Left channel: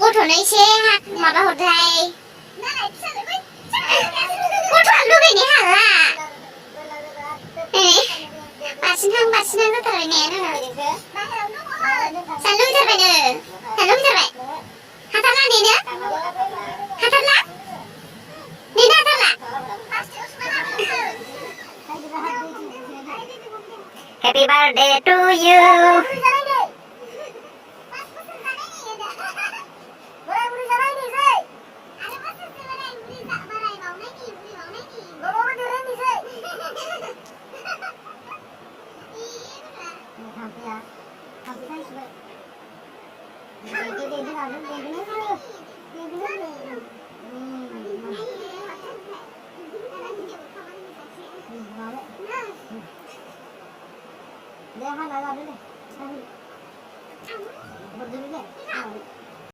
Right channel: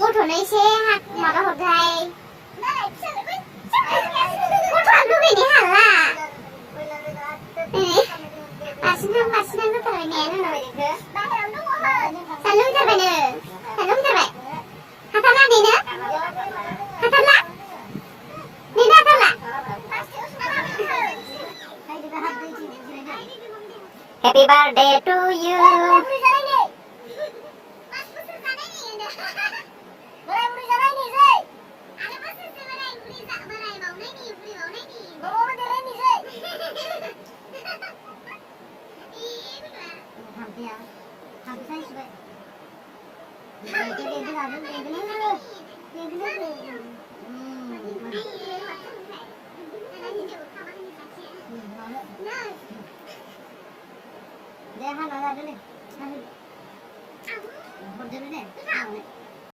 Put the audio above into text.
गथ'नो एसे माबा हरहाय गथ'आ लुगैनो हाला बारसिनहां जाथारबाय ने नोङो जानो लुगैथारबायनो जानो लुगैथारबाय हाथारला नेनो हाथारला नेनो हाथारला Happy birthday to you Deh, hana lah dulu. Berdiri deh.